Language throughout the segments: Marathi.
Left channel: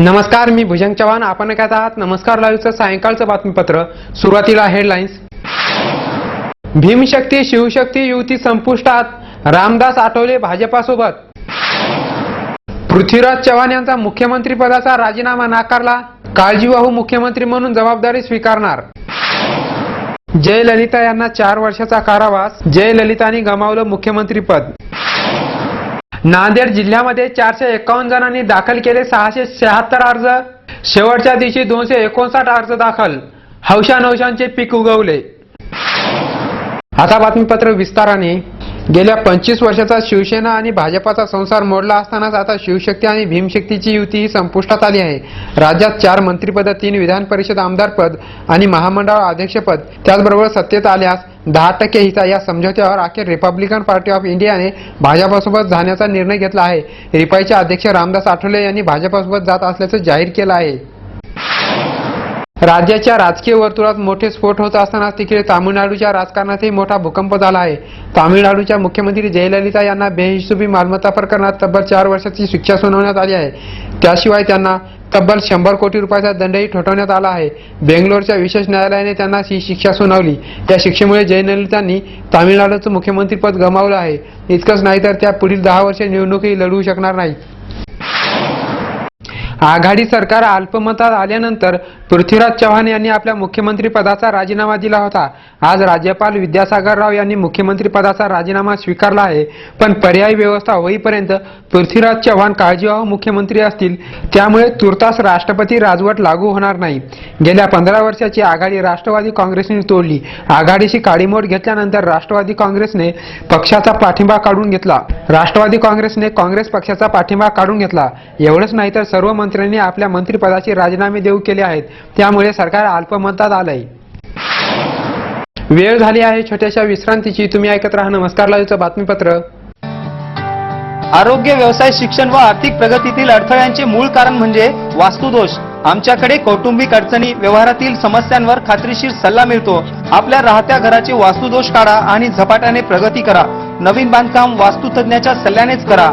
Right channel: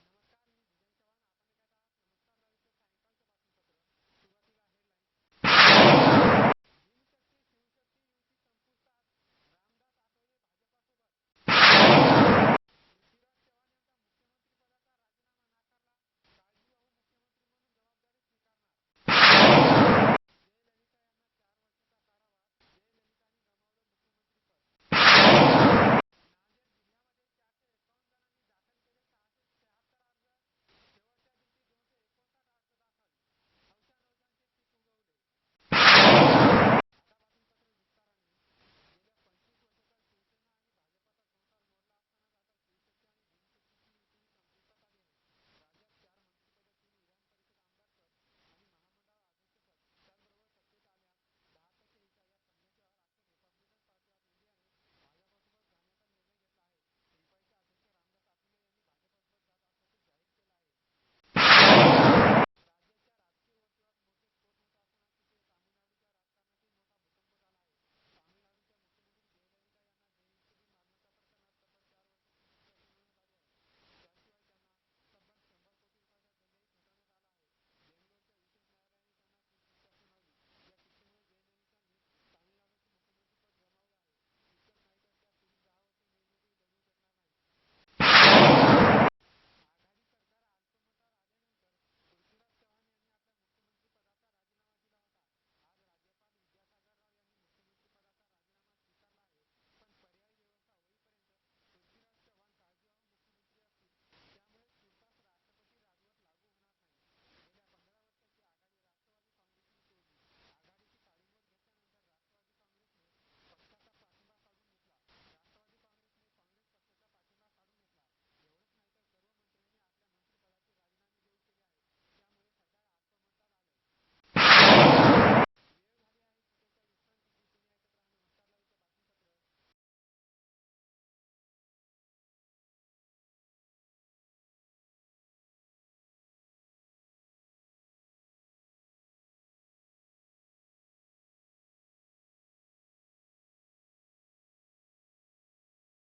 नमस्कार मी भुजंग चव्हाण. आपण ऐकत आहात नमस्कार लाईव्हचं सायंकाळचं बातमीपत्र. सुरुवातीला हेडलाईन्स भीमशक्ती शिवशक्ती युती संपुष्टात. रामदास आठवले भाजपासोबत. पृथ्वीराज चव्हाण यांचा मुख्यमंत्रीपदाचा राजीनामा नाकारला. काळजीवाहू मुख्यमंत्री म्हणून जबाबदारी स्वीकारणार. जयललिता यांना चार वर्षाचा कारावास. जयललितांनी गमावलं मुख्यमंत्रीपद नांदेड जिल्ह्यामध्ये चारशे एकावन्न जणांनी दाखल केले सहाशे शहात्तर अर्ज. शेवटच्या दिवशी दोनशे एकोणसाठ अर्ज दाखल. हौशा नवशांचे पीक उगवले. आता बातमीपत्र विस्ताराने. गेल्या पंचवीस वर्षाचा शिवसेना आणि भाजपाचा संसार मोडला असतानाच आता शिवशक्ती आणि भीमशक्तीची युती ही संपुष्टात आली आहे. राज्यात चार मंत्रिपद तीन विधान परिषद आमदारपद आणि महामंडळ अध्यक्षपद त्याचबरोबर सत्तेत आल्यास दहा टक्के हिस्सा या समझोत्यावर अखेर रिपब्लिकन पार्टी ऑफ इंडियाने भाजपासोबत जाण्याचा निर्णय घेतला आहे. रिपाईचे अध्यक्ष रामदास आठवले यांनी भाजपासोबत जात असल्याचं जाहीर केलं आहे. राज्याच्या राजकीय वर्तुळात मोठे स्फोट होत असताना तिकडे तामिळनाडूच्या राजकारणातही मोठा भूकंप झाला आहे. तामिळनाडूच्या मुख्यमंत्री जयललिता यांना बेहिशोबी मालमत्ता प्रकरणात तब्बल चार वर्षाची शिक्षा सुनावण्यात आली आहे. त्याशिवाय त्यांना तब्बल शंभर कोटी रुपयाचा दंडही ठोठवण्यात आला आहे. बेंगलोरच्या विशेष न्यायालयाने त्यांना ही शिक्षा सुनावली. या शिक्षेमुळे जयललितांनी तामिळनाडूचं मुख्यमंत्रीपद गमावलं आहे. इतकंच नाही तर त्या पुढील दहा वर्षे निवडणूकही लढवू शकणार नाही आघाडी सरकार अल्पमतात आल्यानंतर पृथ्वीराज चव्हाण यांनी आपल्या मुख्यमंत्री पदाचा राजीनामा दिला होता. आज राज्यपाल विद्यासागर राव यांनी मुख्यमंत्री पदाचा राजीनामा स्वीकारला आहे. पण पर्यायी व्यवस्था होईपर्यंत पृथ्वीराज चव्हाण काळजीवाहू मुख्यमंत्री असतील त्यामुळे तुर्तास राष्ट्रपती राजवट लागू होणार नाही. गेल्या पंधरा वर्षाची आघाडी राष्ट्रवादी काँग्रेसने तोडली. आघाडीशी काडीमोड घेतल्यानंतर राष्ट्रवादी काँग्रेसने पक्षाचा पाठिंबा काढून घेतला. राष्ट्रवादी काँग्रेसने काँग्रेस पक्षाचा पाठिंबा काढून घेतला. एवढंच नाही तर सर्व मंत्र्यांनी आपल्या मंत्रिपदाचे राजीनामे देऊ केले आहेत. त्यामुळे सरकार अल्पमतात आलंय. वेळ झाली आहे छोट्याशा विश्रांतीची. तुम्ही ऐकत राहा नमस्कार लाईव्हचं बातमीपत्र. आरोग्य व्यवसाय शिक्षण व आर्थिक प्रगतीतील अडथळ्यांचे मूळ कारण म्हणजे वास्तुदोष. आमच्याकडे कौटुंबिक अडचणी व्यवहारातील समस्यांवर खात्रीशीर सल्ला मिळतो. आपल्या राहत्या घराचे वास्तुदोष काढा आणि झपाट्याने प्रगती करा. नवीन बांधकाम वास्तुतज्ञाच्या सल्ल्यानेच करा.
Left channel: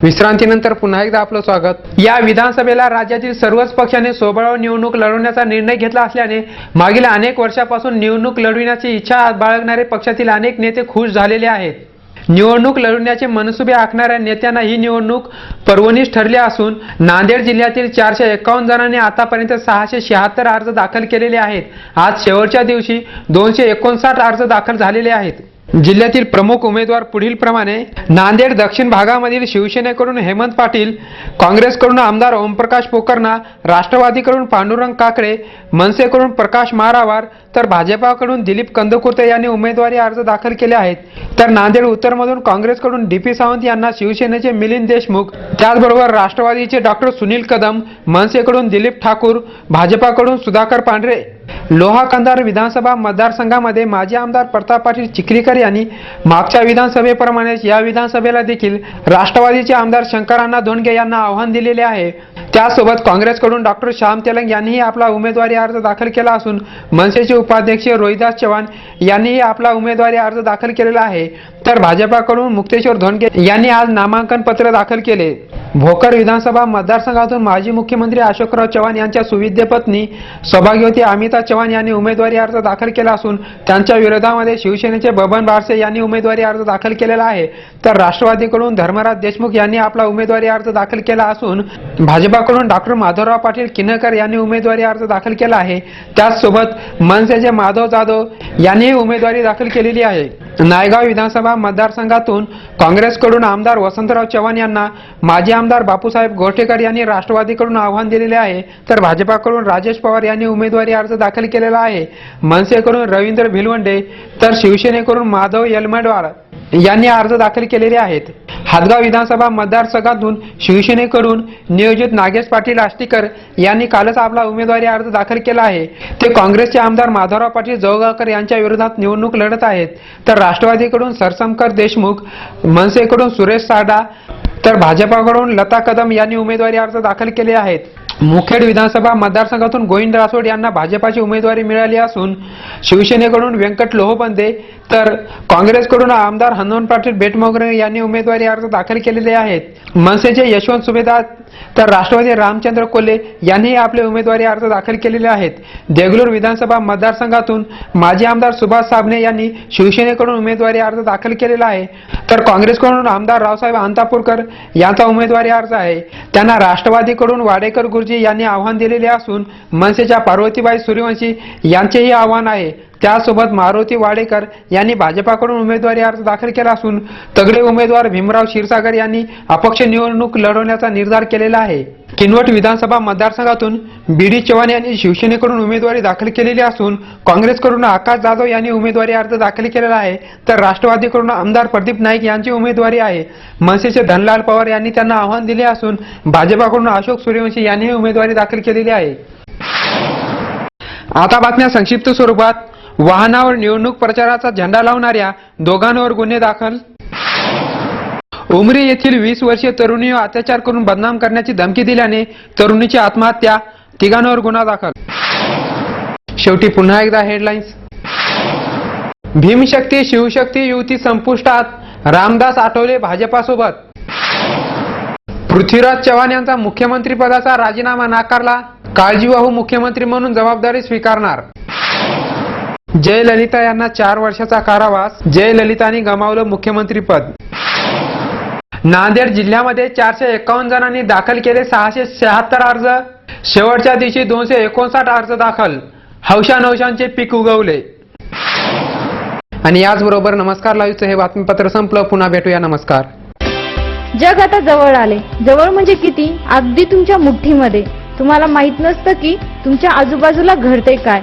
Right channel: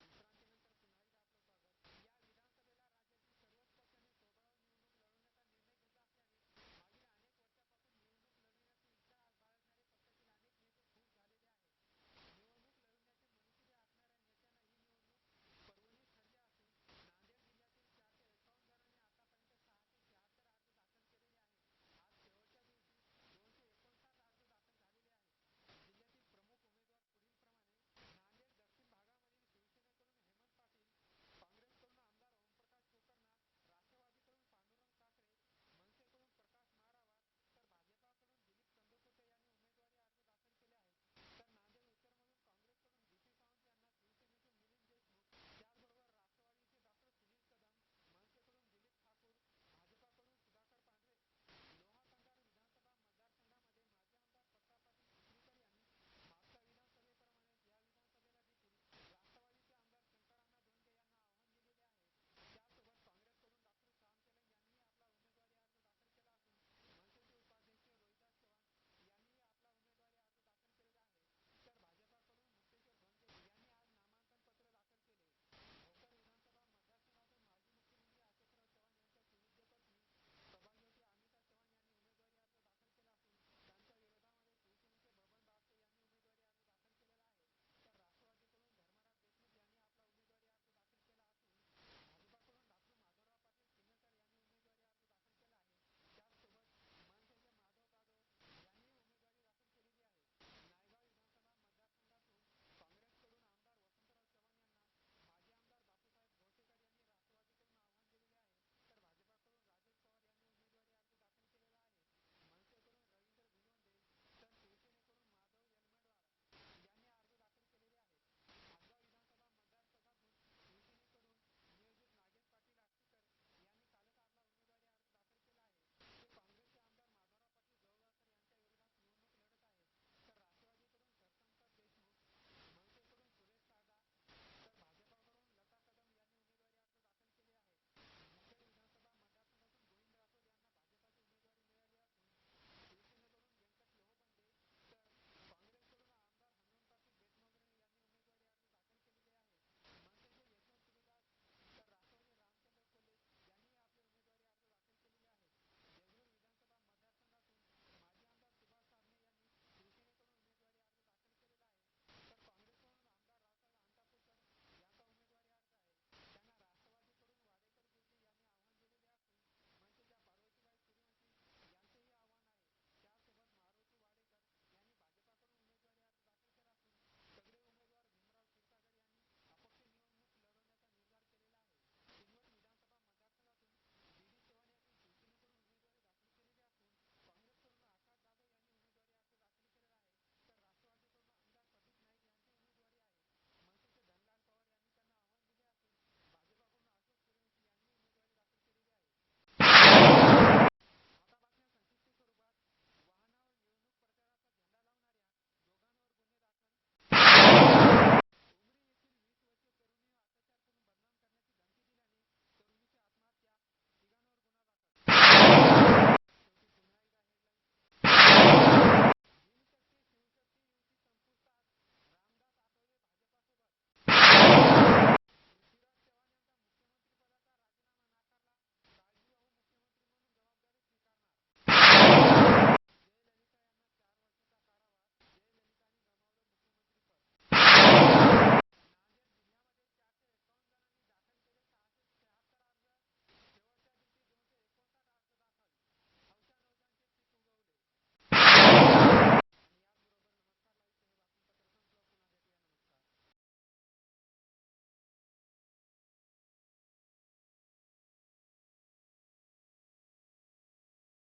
विश्रांतीनंतर पुन्हा एकदा आपलं स्वागत. या विधानसभेला राज्यातील सर्वच पक्षाने सोबळावर निवडणूक लढवण्याचा निर्णय घेतला असल्याने मागील अनेक वर्षापासून निवडणूक लढविण्याची इच्छा बाळगणारे पक्षातील अनेक नेते खुश झालेले आहेत. निवडणूक लढवण्याचे मनसुबे आखणाऱ्या नेत्यांना ही निवडणूक पर्वणीच ठरली असून नांदेड जिल्ह्यातील चारशे एकावन्न जणांनी आतापर्यंत सहाशे शहात्तर अर्ज दाखल केलेले आहेत. आज शेवटच्या दिवशी दोनशे एकोणसाठ अर्ज दाखल झालेले आहेत. जिल्ह्यातील प्रमुख उमेदवार पुढील प्रमाणे नांदेड दक्षिण भागामधील शिवसेनेकडून हेमंत पाटील काँग्रेसकडून आमदार ओमप्रकाश पोकर्णा राष्ट्रवादीकडून पांडुरंग काकडे मनसेकडून प्रकाश मारावार तर भाजपाकडून दिलीप कंदकुर्ते यांनी उमेदवारी अर्ज दाखल केले आहेत. तर नांदेड उत्तरमधून काँग्रेसकडून डी पी सावंत यांना शिवसेनेचे मिलिंद देशमुख त्याचबरोबर राष्ट्रवादीचे डॉक्टर सुनील कदम मनसेकडून दिलीप ठाकूर भाजपाकडून सुधाकर पांढरे लोहा कंधार विधानसभा मतदारसंघामध्ये माजी आमदार प्रताप पाटील चिखलीकर यांनी मागच्या विधानसभेप्रमाणेच या विधानसभेला देखील राष्ट्रवादीचे आमदार शंकरांना धोंडगे यांना आव्हान दिलेले आहे. त्यासोबत काँग्रेसकडून डॉक्टर श्याम तेलंग यांनीही आपला उमेदवारी अर्ज दाखल केला असून मनसेचे उपाध्यक्ष रोहिदास चव्हाण यांनीही आपला उमेदवारी अर्ज दाखल केलेला आहे. तर भाजपाकडून मुक्तेश्वर धोंडगे यांनी आज नामांकन पत्र दाखल केले. भोकर विधानसभा मतदारसंघातून माजी मुख्यमंत्री अशोकराव चव्हाण यांच्या सुविद्य पत्नी सौभाग्यवती अमिता चव्हाण यांनी उमेदवारी अर्ज दाखल केला असून त्यांच्या विरोधामध्ये शिवसेनेचे बबन बारसे यांनी उमेदवारी अर्ज दाखल केलेला आहे. तर राष्ट्रवादीकडून धर्मराज देशमुख यांनी आपला उमेदवारी अर्ज दाखल केला असून भाजपाकडून डॉक्टर माधवराव पाटील किनकर यांनी उमेदवारी अर्ज दाखल केला आहे. त्याचसोबत मनसेचे माधव जाधव यांनीही उमेदवारी दाखल केलेली आहे. नायगाव विधानसभा मतदारसंघातून काँग्रेसकडून आमदार वसंतराव चव्हाण यांना माजी आमदार बापूसाहेब गोरठेकर यांनी राष्ट्रवादीकडून आव्हान दिलेले आहे. तर भाजपाकडून राजेश पवार यांनी उमेदवारी अर्ज दाखल केलेला आहे. मनसेकडून रवींद्र भिलवंडे तर शिवसेनेकडून माधव यलमडवार यांनी अर्ज दाखल केलेले आहेत. हादगाव विधानसभा मतदारसंघातून शिवसेनेकडून नियोजित नागेश पाटील आष्टीकर यांनी कालच आपला उमेदवारी अर्ज दाखल केला आहे. ते काँग्रेसचे आमदार माधवराव पाटील जवळगावकर यांच्या विरोधात निवडणूक लढत आहेत. तर राष्ट्रवादीकडून सरसमकर देशमुख मनसेकडून सुरेश साडा तर भाजपाकडून लता कदम यांनी उमेदवारी अर्ज दाखल केले आहेत. मुखेड विधानसभा मतदारसंघातून गोविंद रासोड यांना भाजपाची उमेदवारी मिळाली असून शिवसेनेकडून व्यंकट लोहबंदे तर काँग्रेसकडून आमदार हनुमान पाटील बेटमोगरे यांनी उमेदवारी अर्ज दाखल केलेले आहेत. मनसेचे यशवंत सुभेदार तर राष्ट्रवादी रामचंद्र कोल्हे यांनीही आपले उमेदवारी अर्ज दाखल केलेले आहेत. देगलूर विधानसभा मतदारसंघातून माजी आमदार सुभाष साबणे यांनी शिवसेनेकडून उमेदवारी अर्ज दाखल केलेला आहे. तर काँग्रेसकडून आमदार रावसाहेब अंतापूरकर यांचा उमेदवारी अर्ज आहे. त्यांना राष्ट्रवादीकडून वाडेकर गुरुजी यांनी आव्हान दिलेले असून मनसेच्या पार्वतीबाई सूर्यवंशी यांचेही आव्हान आहे. त्यासोबत मारुती वाडेकर यांनी भाजपाकडून उमेदवारी अर्ज दाखल केला असून तगडे उमेदवार भीमराव क्षीरसागर यांनी अपक्ष निवडणूक लढवण्याचा निर्धार केलेला आहे. किनवट विधानसभा मतदारसंघातून बी डी चव्हाण यांनी शिवसेनेकडून उमेदवारी दाखल केलेली असून काँग्रेसकडून आकाश जाधव यांनी उमेदवारी अर्ज दाखल केलेला आहे. तर राष्ट्रवादीकडून आमदार प्रदीप नाईक यांची उमेदवारी आहे. मनसेचे धनलाल पवार यांनी त्यांना आव्हान दिले असून भाजपाकडून अशोक सूर्यवंशी यांनीही उमेदवारी दाखल केलेली आहे. आता बातम्या संक्षिप्त स्वरूपात. वाहनावर निवडणूक प्रचाराचा झेंडा लावणाऱ्या दोघांवर गुन्हे दाखल. उमरी येथील वीस वर्षीय तरुणीवर अत्याचार करून बदनाम करण्याची धमकी दिल्याने तरुणीची आत्महत्या तिघांवर गुन्हा दाखल. शेवटी पुन्हा एकदा हेडलाईन्स भीमशक्ती शिवशक्ती युती संपुष्टात. रामदास आठवले भाजपासोबत. पृथ्वीराज चव्हाण यांचा मुख्यमंत्रीपदाचा राजीनामा नाकारला. काळजीवाहू मुख्यमंत्री म्हणून जबाबदारी स्वीकारणार. जयललिता यांना चार वर्षाचा कारावास. जयललितांनी गमावलं मुख्यमंत्रीपद नांदेड जिल्ह्यामध्ये चारशे एकावन्न जणांनी दाखल केले सहाशे शहात्तर अर्ज. शेवटच्या दिवशी दोनशे एकोणसाठ अर्ज दाखल. हौशा नवशांचे पीक उगवले. आणि याचबरोबर नमस्कार लाईव्हचं हे बातमीपत्र संपलं. पुन्हा भेटूया. नमस्कार. जग आता जवळ आले. जवळ म्हणजे किती? अगदी तुमच्या मुठ्ठीमध्ये. तुम्हाला माहीत नसतं की तुमच्या आजूबाजूला घडते काय.